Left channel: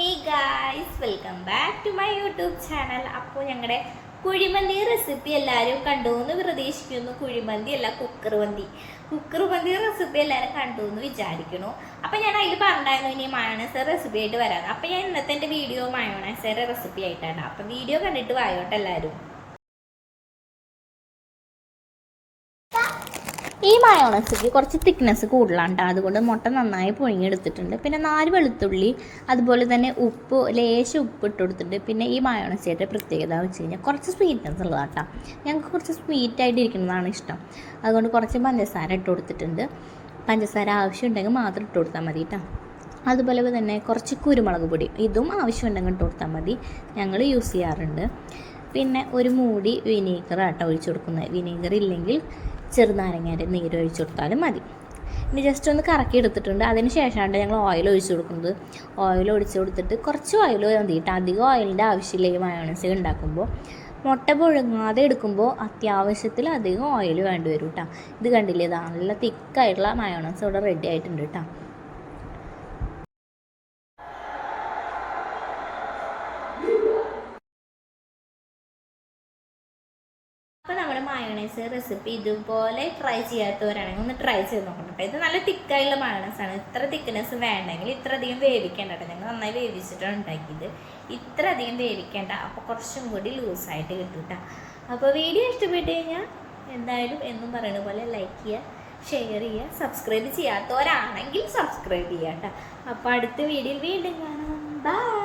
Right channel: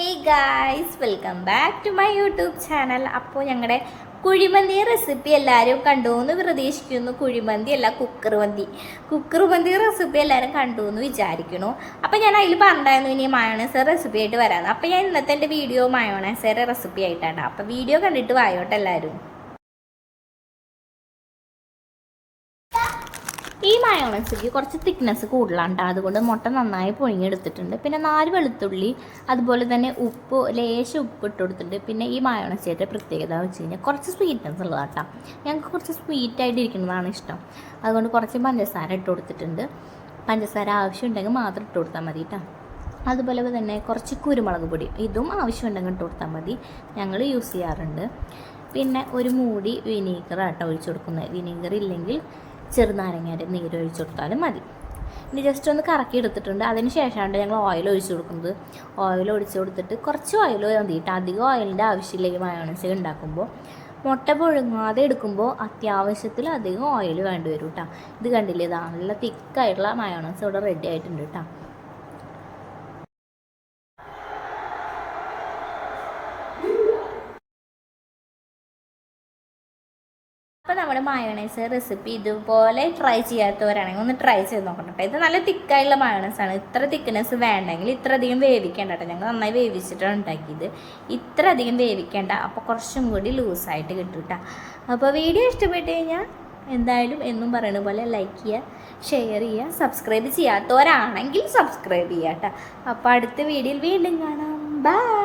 Hey guys welcome back to my YouTube channel അപ്പോൾ ഞങ്ങളുടെ kuzhimanthi recipe എല്ലാവരും കണ്ടു എന്ന് പ്രതീക്ഷിക്കുന്നു. കുഴിമന്തി അല്ല കുക്കർ മന്തി. കുക്കർ മന്തി റെസിപ്പി എല്ലാവരും കണ്ടു എന്ന് വിചാരിക്കുന്നു. അപ്പോൾ ഞാൻ അതിൽ പറഞ്ഞായിരുന്നു ഇനി മയോണൈസ് റെസിപ്പി ആയിട്ട് വരാമെന്ന് അപ്പോൾ ഞാൻ ഇന്നത്തെ എന്റെ വീഡിയോ മയോണൈസയുടെ റെസിപ്പി ആയിട്ടാണ്. അപ്പോൾ വീഡിയോ കണ്ടിട്ട് വായോട്ടെ ഈ മയോണസിക്ക് കുറച്ച് തിക്നെസ് കൂടുതലാണ് ട്ടോ. അതുകൊണ്ട് മുട്ട നന്നായി പുഴുങ്ങിയെടുത്തിട്ടുണ്ട്. പിന്നെ നാല് വെളുത്തുള്ളി അതുപോലെ തന്നെ ഉപ്പ് ലേശം ഉപ്പ് ഇട്ട് കൊടുത്തിട്ടുണ്ട് പിന്നെ ഈ മയോണസിയുടെ പ്രത്യേകത വെച്ച് കഴിഞ്ഞാൽ കുറച്ച് സ്വീറ്റ്നെസ് ഉള്ളതാണ് കേട്ടോ ഞങ്ങൾക്ക് കുറച്ച് സ്വീറ്റ് ആയിട്ട് ഇരിക്കുന്നതാണ് ഇഷ്ടം. അതുകൊണ്ട് കുറച്ച് പഞ്ചസാര ഇട്ട് കൊടുത്തിട്ടുണ്ട് പഞ്ചസാര ആവശ്യമുണ്ടെങ്കിൽ മാത്രം ഇട്ട് കൊടുത്താൽ മതി കേട്ടോ അതുപോലെ തന്നെ കുറച്ച് കുരുമുളക് പൊടി ഇതും ആവശ്യമുണ്ടെങ്കിൽ ഇട്ട് കൊടുത്താൽ മതി. ഞങ്ങൾ യൂസ് ചെയ്യാറുണ്ട്. പിന്നെ ഒരു മൂടി വിനീഗർ ആട്ടോ ഒഴിച്ചു കൊടുക്കുന്നത്. വിനീഗർ ഇല്ലെങ്കിൽ ചെറുനാരങ്ങയുടെ നീര് ഒഴിച്ചു കൊടുത്താലും മതി. ഇനി ജസ്റ്റ് ഒന്ന് കറക്കി എടുത്തിട്ടുണ്ട്. അതിന് ശേഷമാണ് ഞങ്ങൾ ഓയിൽ ഒഴിച്ച് കൊടുക്കുന്നത്. ഓയിൽ ഒഴിച്ചു കൊടുത്തിട്ട് കുറച്ച് ഓയിൽ മതി കേട്ടോ. അധികം ഓയിലിന്റെ ആവശ്യമില്ല ഈ മയോണൈസ് ഉണ്ടാക്കുമ്പോൾ. മുട്ട പുഴുങ്ങാതെ എടുക്കുമ്പോൾ അത്യാവശ്യത്തിൽ അധികം ഓയിൽ വേണ്ടി വരും കേട്ടോ. ഇത് കണ്ടില്ലേ? നല്ല തിക്കായിട്ടുള്ള മയോണൈസ് ഇവിടെ റെഡി ആയിട്ടുണ്ട് കേട്ടോ. അപ്പോൾ നമ്മൾ മയോണൈസ് റെസിപ്പി ഇതുപോലെ ട്രൈ ചെയ്യാത്തവരാണെങ്കിൽ ഒന്ന് ട്രൈ ചെയ്ത് നോക്കണം കേട്ടോ ഇത് നല്ല തിക്കായുള്ള മയോണൈസ് ആണ്. ഇത്ര തിക്നെസ് വേണ്ടെങ്കിൽ ഇത്ര അധികം വേവിക്കേണ്ട കേട്ടോ ഞങ്ങൾ നന്നായി വേവിച്ചിട്ടാണ് ഉണ്ടാക്കിയത്. ഇത്ര അധികം വേവിക്കേണ്ട. അപ്പോൾ കുറച്ചും കൂടി ലൂസായിട്ട് കിട്ടും കേട്ടോ അപ്പോൾ വീഡിയോ ഇഷ്ടപ്പെട്ട് കഴിഞ്ഞാൽ എന്തായാലും എന്നും പറയുന്ന പോലെ ലൈക്ക് ചെയ്യുക ഷെയർ ചെയ്യുക സബ്സ്ക്രൈബ് ചെയ്യാത്തവരാണെങ്കിൽ സബ്സ്ക്രൈബ് ചെയ്യാം കേട്ടോ അപ്പോൾ അടുത്ത വീഡിയോയിൽ വീണ്ടും കാണാം. ബൈ